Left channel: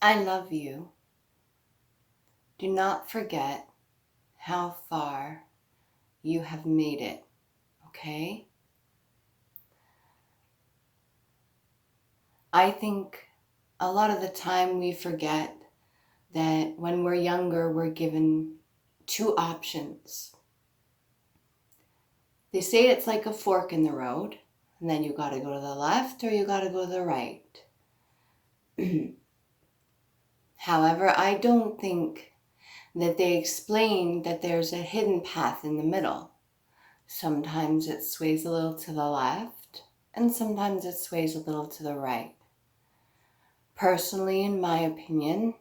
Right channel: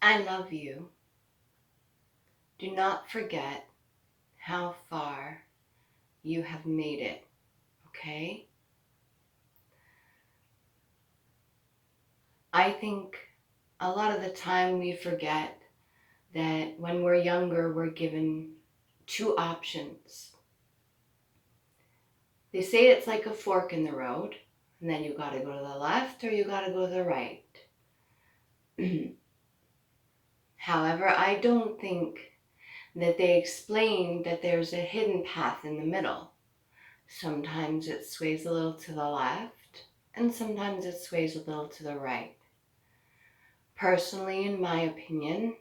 I love you. Do not forget how far you have made it, okay? I think a lot of the time we forget that when we're younger, we're given two options. They say it's like a fork in the road, and then you gotta go to the left or you gotta go to the right. However, I don't think that they explain that there's a hidden path in the middle. Sometimes it sways a little to the left, and sometimes it sways a little to the right. Personally, in my opinion,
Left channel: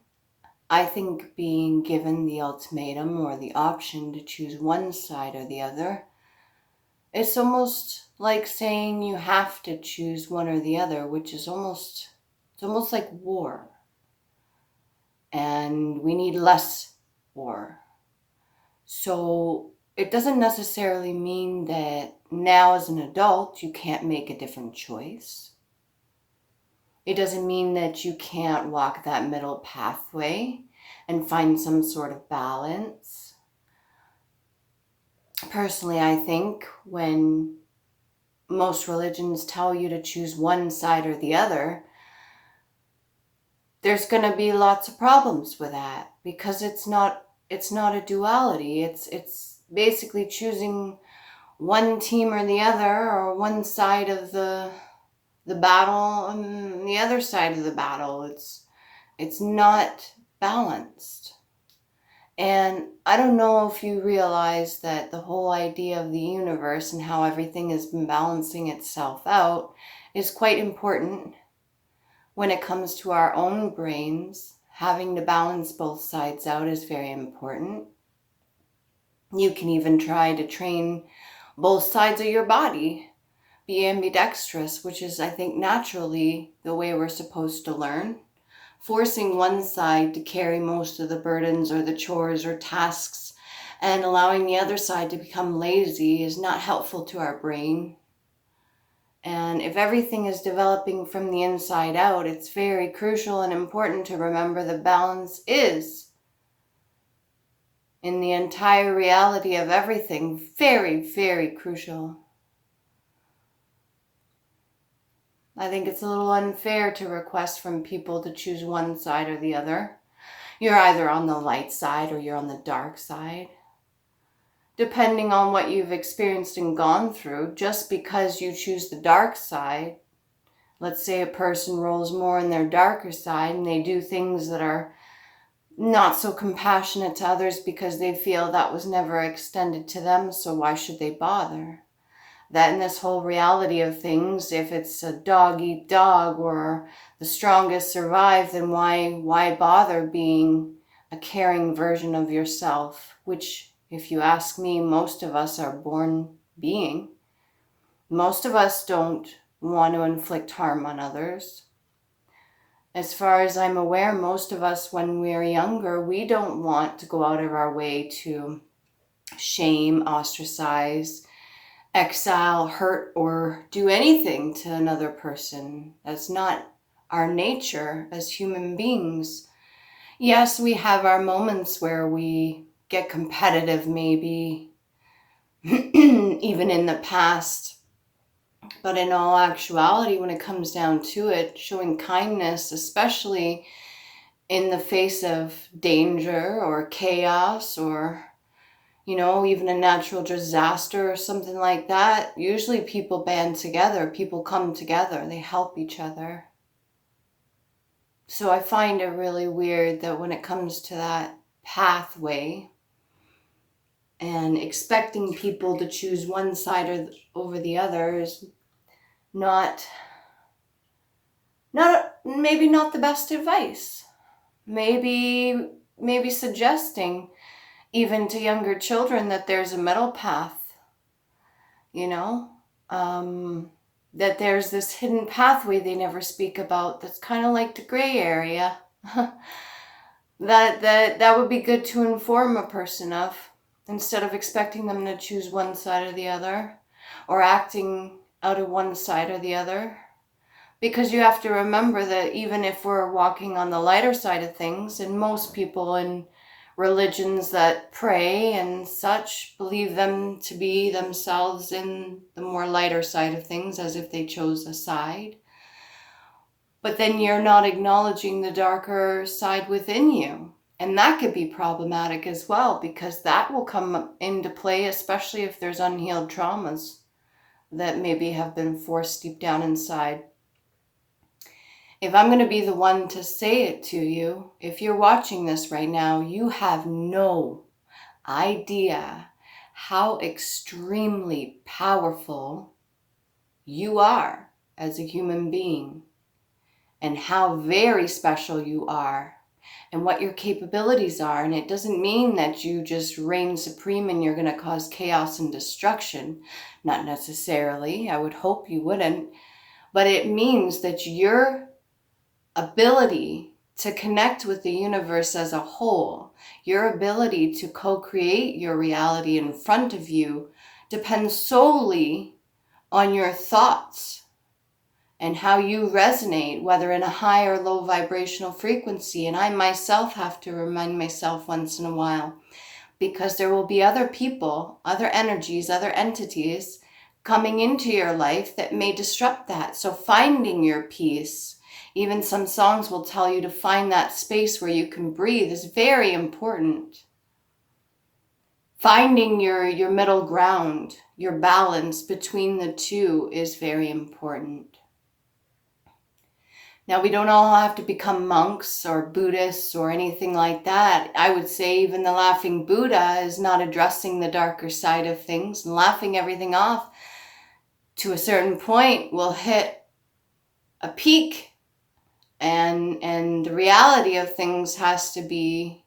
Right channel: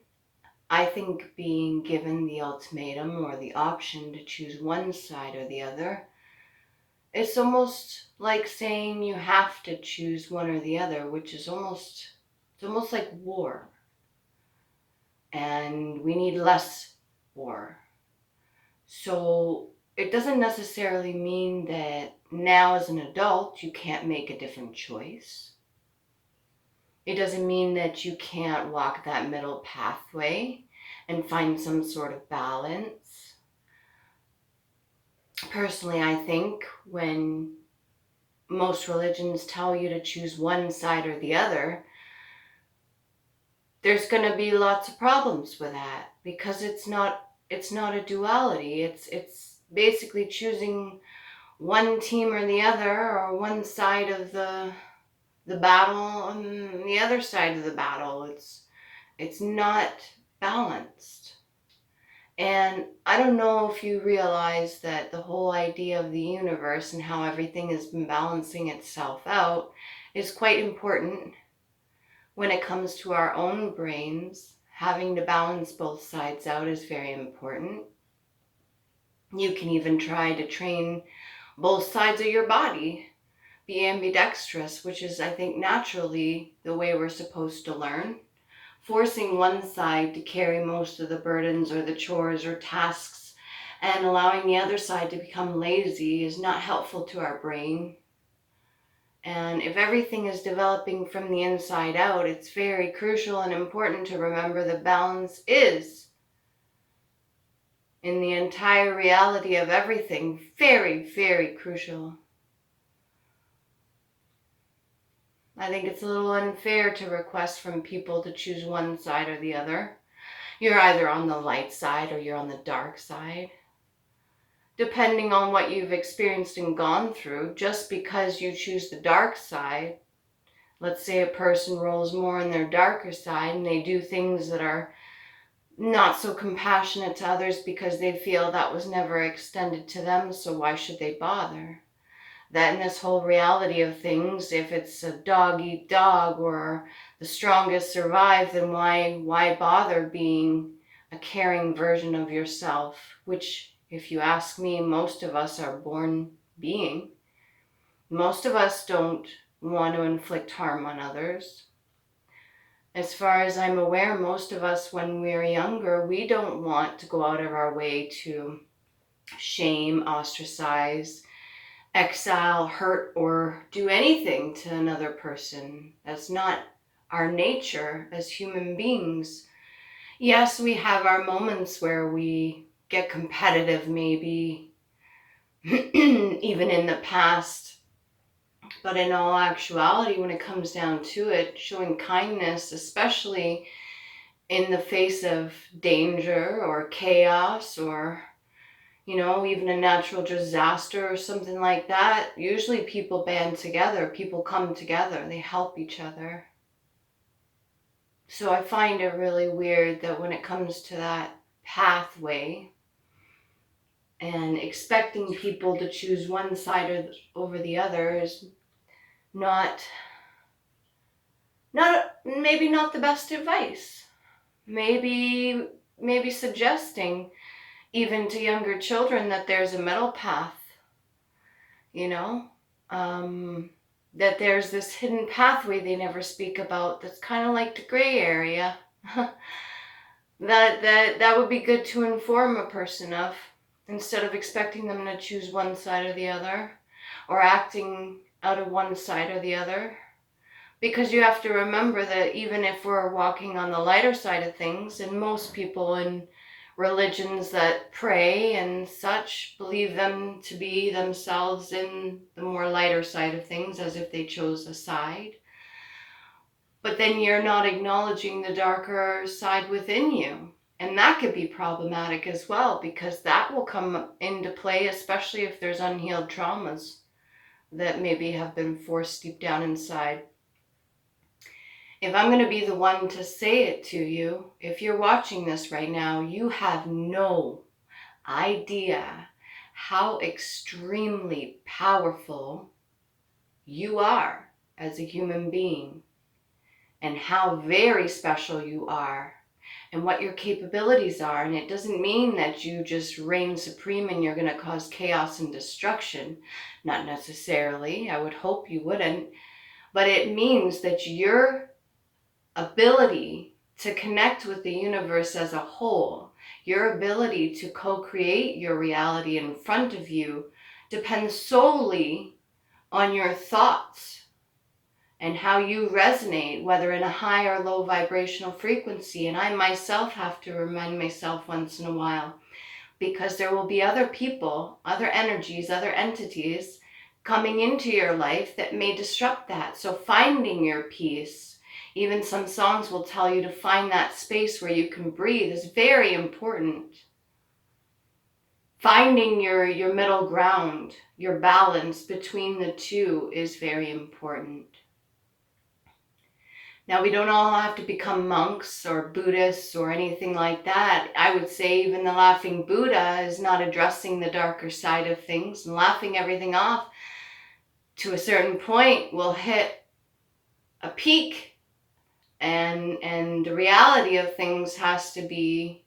I think being given the ultimatum or the option to choose one side or the other, it's almost like saying you have to choose one or the other, which is almost like war. And we need less war. So it doesn't necessarily mean that now as an adult you can't make a different choice. It doesn't mean that you can't walk that middle pathway and find some sort of balance. Personally, I think when most religions tell you to choose one side or the other, there's going to be lots of problems with that because it's not a duality. It's basically choosing one team or the other, or one side of the battle and the other side of the battle. It's not balanced. And I don't know if you realize that the whole idea of the universe and how everything has been balancing itself out is quite important when it comes to our own brains. Having to balance both sides out is very important. You can even try to train both sides of your body. Be ambidextrous, which is, I think, naturally the way we're supposed to learn. Forcing one side to carry most of the burdens or the chores or tasks and allowing the other side to become lazy is not helpful to our brain. And if everything is developing from the inside out, it's very crucial and important to remember that balance is, in the entire reality of everything, very, very crucial. I think it's a little unfair to request from people to choose one side or the other. You're either on the light side or you're on the dark side. Depending on what you've experienced and gone through, just because you choose the dark side, let's say a person rolls more on their darker side and they do things that are not so compassionate to others because they feel that was never extended to them, so why should they bother? That in this whole reality of things, if it's a dog eat dog or the strongest survive, then why bother being a caring version of yourself, which, if you ask me, most of us are born being. Most of us don't want to inflict harm on others. As far as I'm aware, most of us, when we're younger, we don't want to go out of our way to shame, ostracize, exile, hurt, or do anything to another person. That's not our nature as human beings. Yes, we have our moments where we get competitive, maybe, even in the past. But in all actuality, when it comes down to it, showing kindness, especially in the face of danger or chaos or, even a natural disaster or something like that, usually people band together, people come together, they help each other. So I find it really weird that when it comes to that pathway and expecting people to choose one side or over the other is not maybe not the best advice. Maybe suggesting even to younger children that there's a middle path, that there's this hidden pathway they never speak about that's kind of like the gray area. that would be good to inform a person of, instead of expecting them to choose one side or the other or acting out of one side or the other. Because you have to remember that even if we're walking on the lighter side of things, and most people in religions that pray and such believe them to be themselves in the more lighter side of things, as if they chose a side. But then you're not acknowledging the darker side within you. And that could be problematic as well, because that will come into play, especially if there's unhealed traumas that maybe have been forced deep down inside. If I'm going to be the one to say it to you, if you're watching this right now, you have no idea how extremely powerful you are as a human being, and how very special you are, and what your capabilities are. And it doesn't mean that you just reign supreme and you're going to cause chaos and destruction. Not necessarily. I would hope you wouldn't. But it means that your ability to connect with the universe as a whole, your ability to co-create your reality in front of you, depends solely on your thoughts and how you resonate, whether in a high or low vibrational frequency. And I myself have to remind myself once in a while, because there will be other people, other energies, other entities coming into your life that may disrupt that. So finding your peace, even some songs will tell you to find that space where you can breathe, is very important. Finding your middle ground, your balance between the two, is very important. Now, we don't all have to become monks or Buddhists or anything like that. I would say even the Laughing Buddha is not addressing the darker side of things, and laughing everything off to a certain point will hit a peak, and the reality of things has to be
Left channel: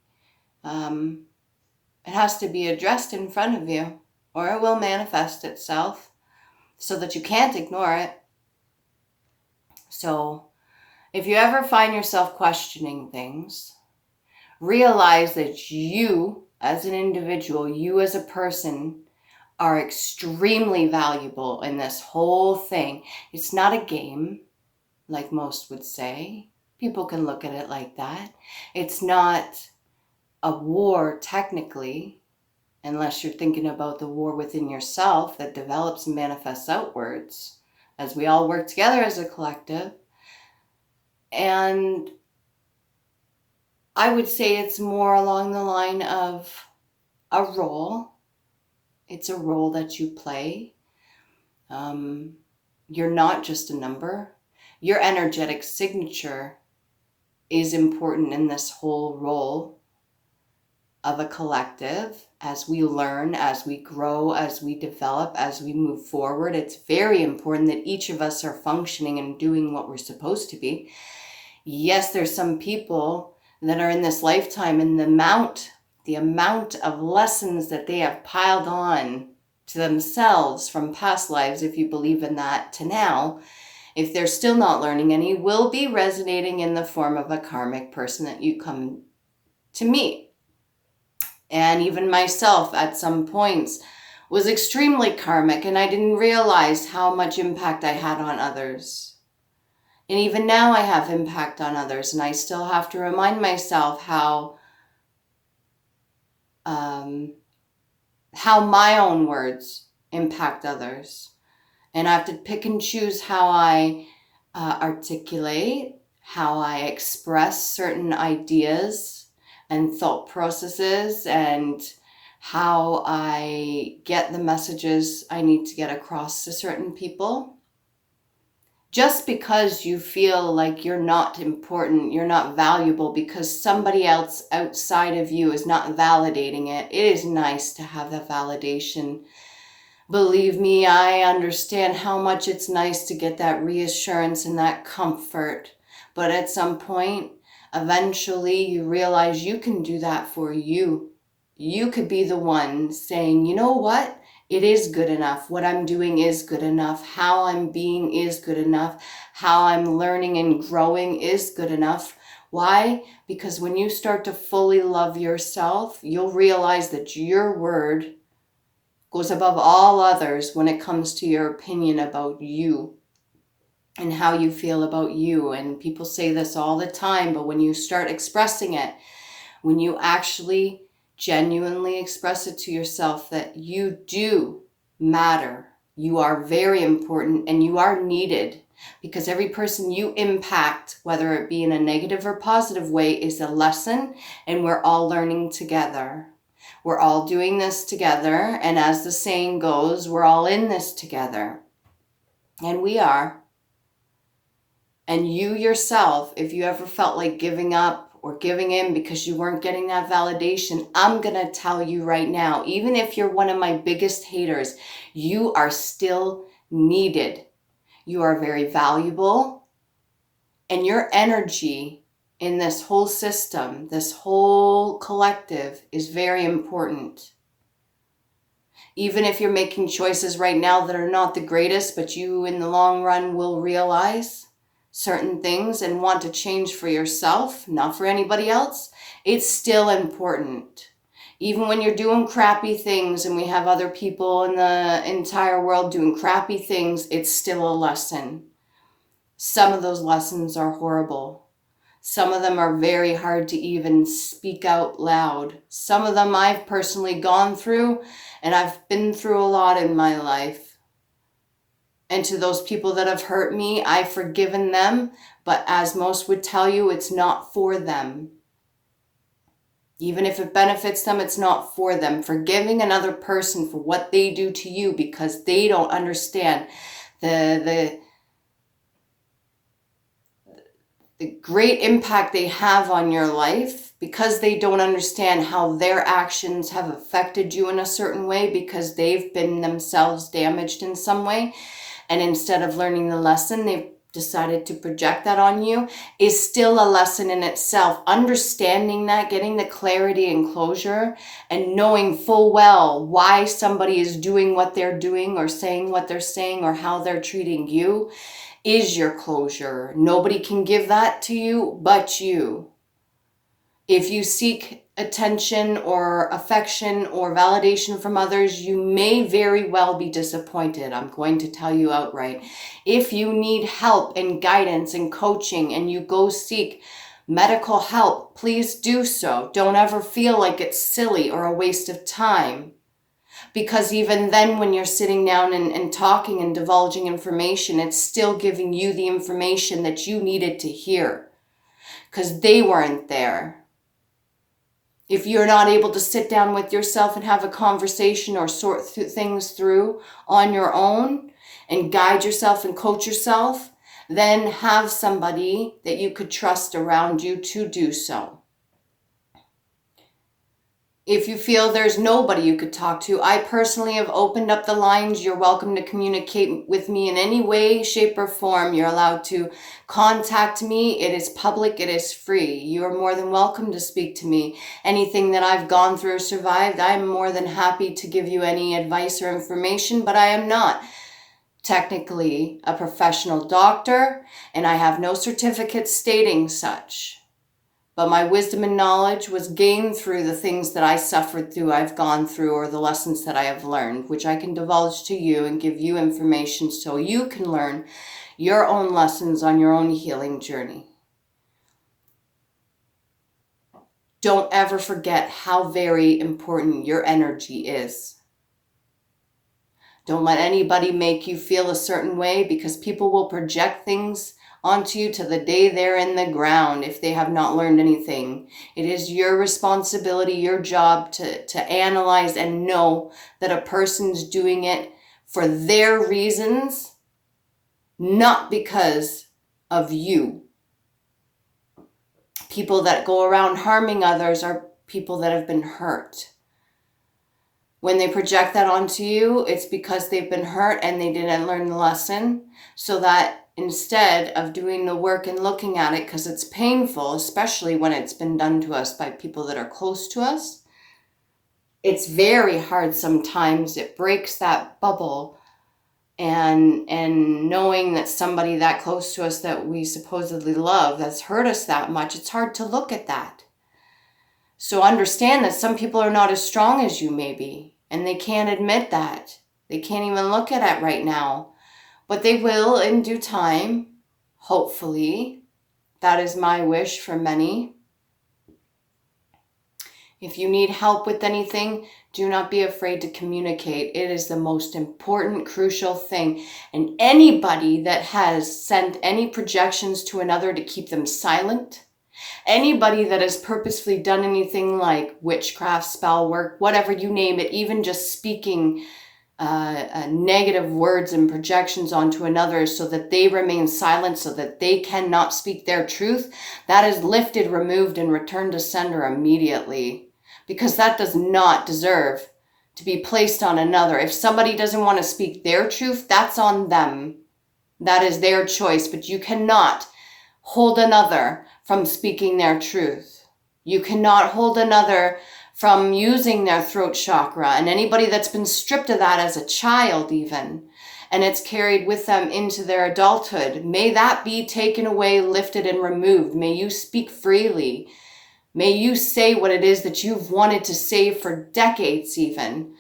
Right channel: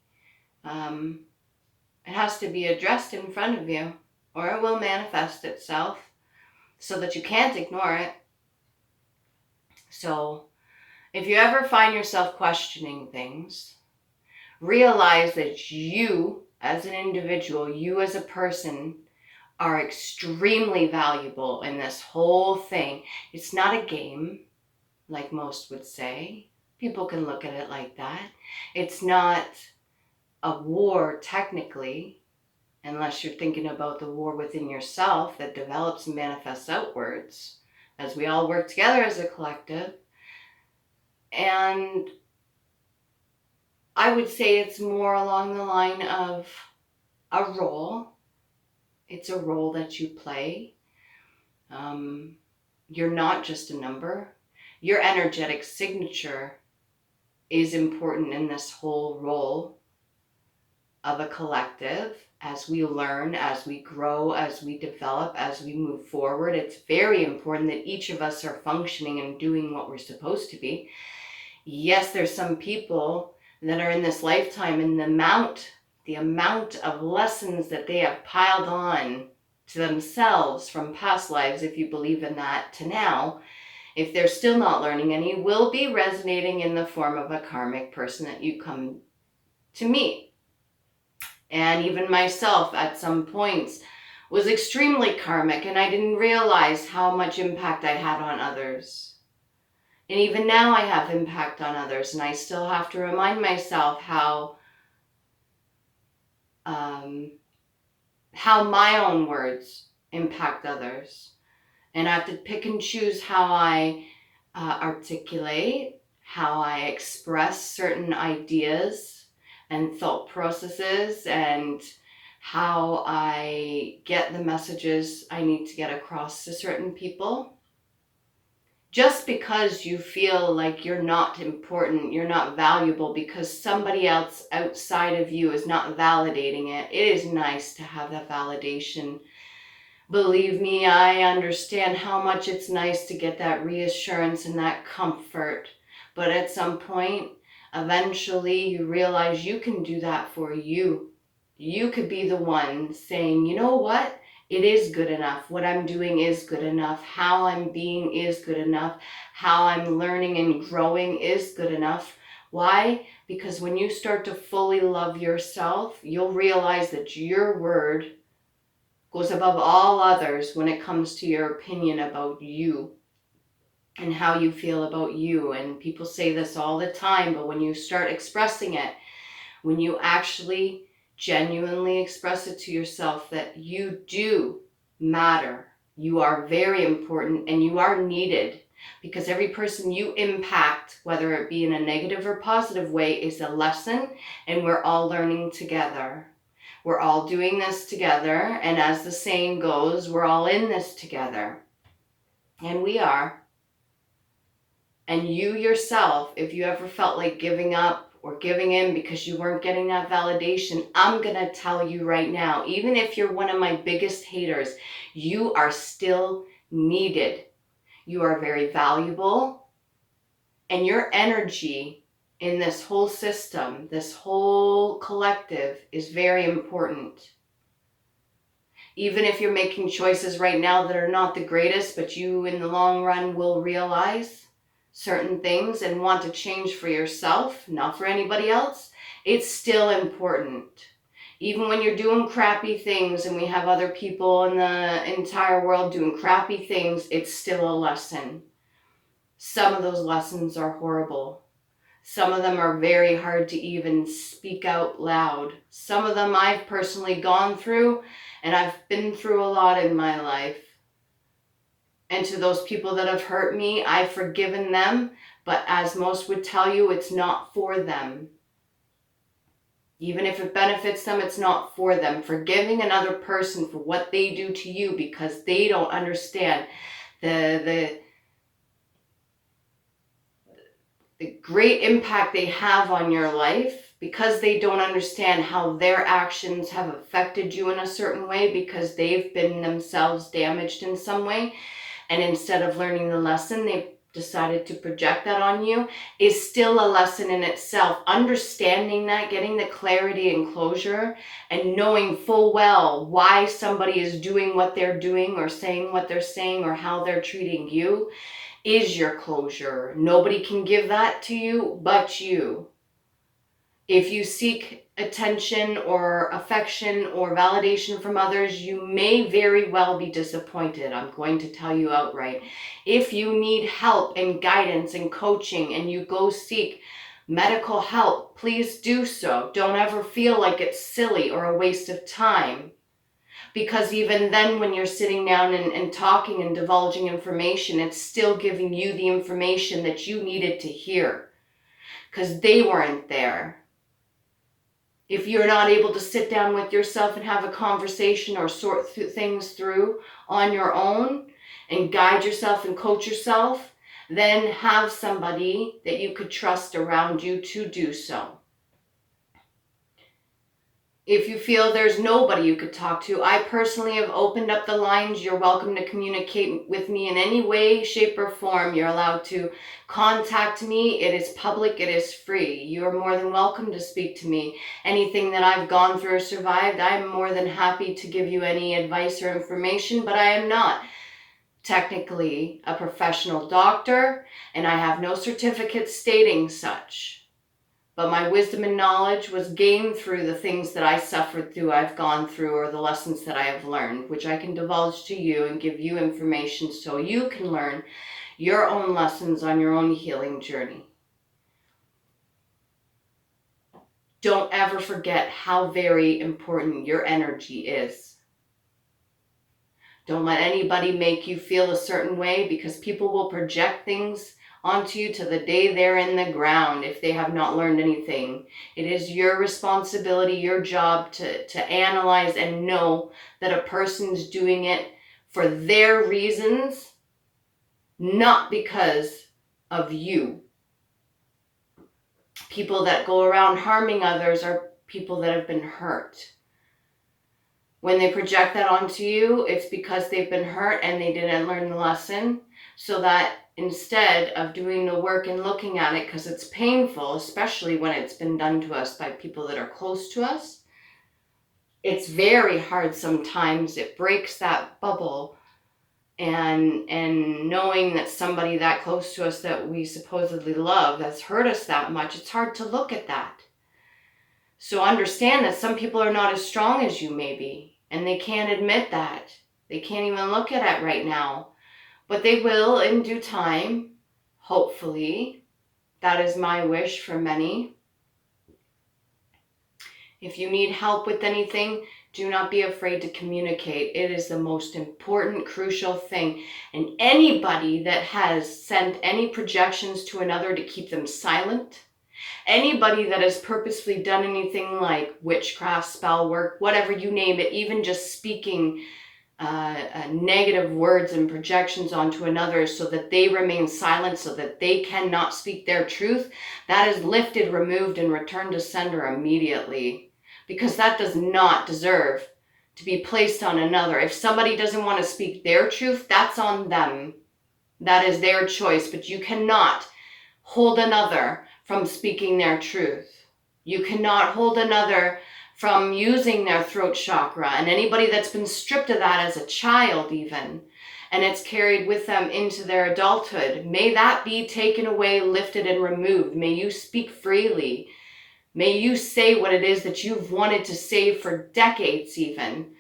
it has to be addressed in front of you, or it will manifest itself so that you can't ignore it. So if you ever find yourself questioning things, realize that you as an individual, you as a person, are extremely valuable in this whole thing. It's not a game, like most would say. People can look at it like that. It's not a war, technically, unless you're thinking about the war within yourself that develops and manifests outwards, as we all work together as a collective. And I would say it's more along the line of a role. It's a role that you play. You're not just a number. Your energetic signature is important in this whole role of a collective. As we learn, as we grow, as we develop, as we move forward, it's very important that each of us are functioning and doing what we're supposed to be. Yes, there's some people that are in this lifetime, and the amount of lessons that they have piled on to themselves from past lives, if you believe in that, to now, if they're still not learning any, will be resonating in the form of a karmic person that you come to meet. And even myself at some points was extremely karmic, and I didn't realize how much impact I had on others. And even now I have impact on others, and I still have to remind myself how my own words impact others. And I have to pick and choose how I articulate, how I express certain ideas and thought processes, and how I get the messages I need to get across to certain people. Just because you feel like you're not important, you're not valuable, because somebody else outside of you is not validating it, it is nice to have that validation. Believe me, I understand how much it's nice to get that reassurance and that comfort. But at some point, eventually you realize you can do that for you. You could be the one saying, you know what? It is good enough. What I'm doing is good enough. How I'm being is good enough. How I'm learning and growing is good enough. Why? Because when you start to fully love yourself, you'll realize that your word goes above all others when it comes to your opinion about you. and how you feel about you. And people say this all the time, but when you start expressing it, when you actually genuinely express it to yourself that you do matter, you are very important, and you are needed, because every person you impact, whether it be in a negative or positive way, is a lesson, and we're all learning together. We're all doing this together, and as the saying goes, we're all in this together. And we are. And you yourself, if you ever felt like giving up or giving in because you weren't getting that validation, I'm going to tell you right now, even if you're one of my biggest haters, you are still needed. You are very valuable, and your energy in this whole system, this whole collective, is very important. Even if you're making choices right now that are not the greatest, but you in the long run will realize certain things and want to change for yourself, not for anybody else, it's still important. Even when you're doing crappy things and we have other people in the entire world doing crappy things, it's still a lesson. Some of those lessons are horrible. Some of them are very hard to even speak out loud. Some of them I've personally gone through, and I've been through a lot in my life. And to those people that have hurt me, I've forgiven them, but as most would tell you, it's not for them. Even if it benefits them, it's not for them. Forgiving another person for what they do to you because they don't understand the great impact they have on your life, because they don't understand how their actions have affected you in a certain way because they've been themselves damaged in some way. And instead of learning the lesson, they've decided to project that on you, is still a lesson in itself. Understanding that, getting the clarity and closure, and knowing full well why somebody is doing what they're doing or saying what they're saying or how they're treating you is your closure. Nobody can give that to you but you. If you seek attention or affection or validation from others, you may very well be disappointed. I'm going to tell you outright. If you need help and guidance and coaching and you go seek medical help, please do so. Don't ever feel like it's silly or a waste of time. Because even then, when you're sitting down and talking and divulging information, it's still giving you the information that you needed to hear. Because they weren't there. If you're not able to sit down with yourself and have a conversation or sort things through on your own and guide yourself and coach yourself, then have somebody that you could trust around you to do so. If you feel there's nobody you could talk to, I personally have opened up the lines. You're welcome to communicate with me in any way, shape, or form. You're allowed to contact me. It is public. It is free. You are more than welcome to speak to me. Anything that I've gone through or survived, I'm more than happy to give you any advice or information, but I am not technically a professional doctor, and I have no certificate stating such. But my wisdom and knowledge was gained through the things that I suffered through, I've gone through, or the lessons that I have learned, which I can divulge to you and give you information so you can learn your own lessons on your own healing journey. Don't ever forget how very important your energy is. Don't let anybody make you feel a certain way, because people will project things onto you to the day they're in the ground if they have not learned anything. It is your responsibility, your job to analyze and know that a person's doing it for their reasons, not because of you. People that go around harming others are people that have been hurt. When they project that onto you, it's because they've been hurt and they didn't learn the lesson, so that instead of doing the work and looking at it, because it's painful, especially when it's been done to us by people that are close to us, it's very hard sometimes. It breaks that bubble. And knowing that somebody that close to us that we supposedly love has hurt us that much, it's hard to look at that. So understand that some people are not as strong as you may be, and they can't admit that. They can't even look at it right now. But they will in due time. Hopefully, that is my wish for many. If you need help with anything, do not be afraid to communicate. It is the most important, crucial thing. And anybody that has sent any projections to another to keep them silent, anybody that has purposefully done anything like witchcraft, spell work, whatever you name it, even just speaking negative words and projections onto another so that they remain silent, so that they cannot speak their truth, that is lifted, removed, and returned to sender immediately. Because that does not deserve to be placed on another. If somebody doesn't want to speak their truth, that's on them. That is their choice, but you cannot hold another from speaking their truth. You cannot hold another from using their throat chakra. And anybody that's been stripped of that as a child even, and it's carried with them into their adulthood, may that be taken away, lifted, and removed. May you speak freely. May you say what it is that you've wanted to say for decades even.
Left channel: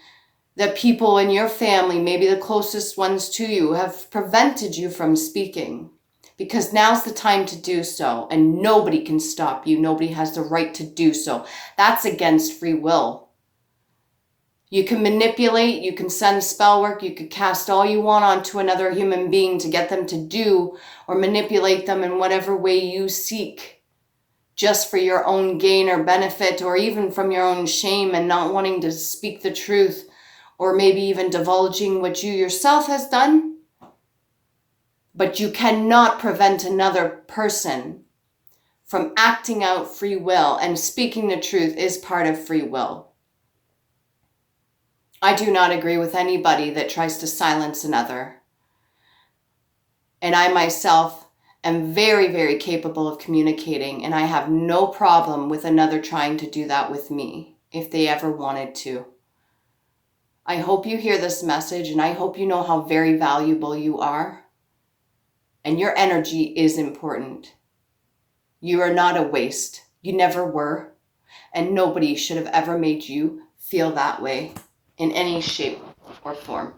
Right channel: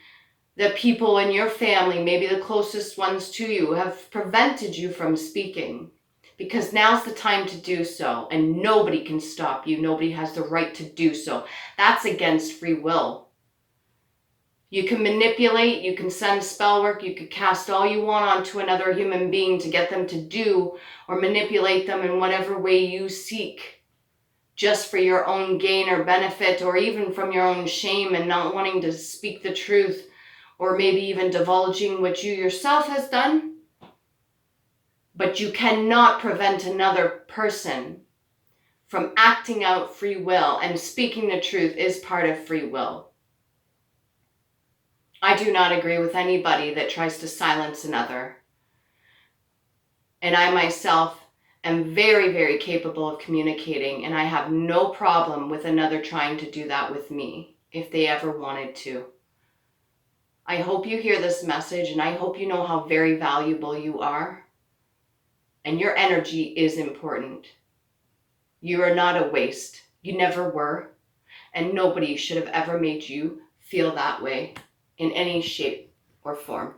That people in your family, maybe the closest ones to you, have prevented you from speaking. Because now's the time to do so, and nobody can stop you. Nobody has the right to do so. That's against free will. You can manipulate, you can send spell work, you could cast all you want onto another human being to get them to do or manipulate them in whatever way you seek, just for your own gain or benefit, or even from your own shame and not wanting to speak the truth, or maybe even divulging what you yourself has done. But you cannot prevent another person from acting out free will, and speaking the truth is part of free will. I do not agree with anybody that tries to silence another. And I myself am very, very capable of communicating, and I have no problem with another trying to do that with me if they ever wanted to. I hope you hear this message, and I hope you know how very valuable you are. And your energy is important. You are not a waste. You never were. And nobody should have ever made you feel that way in any shape or form.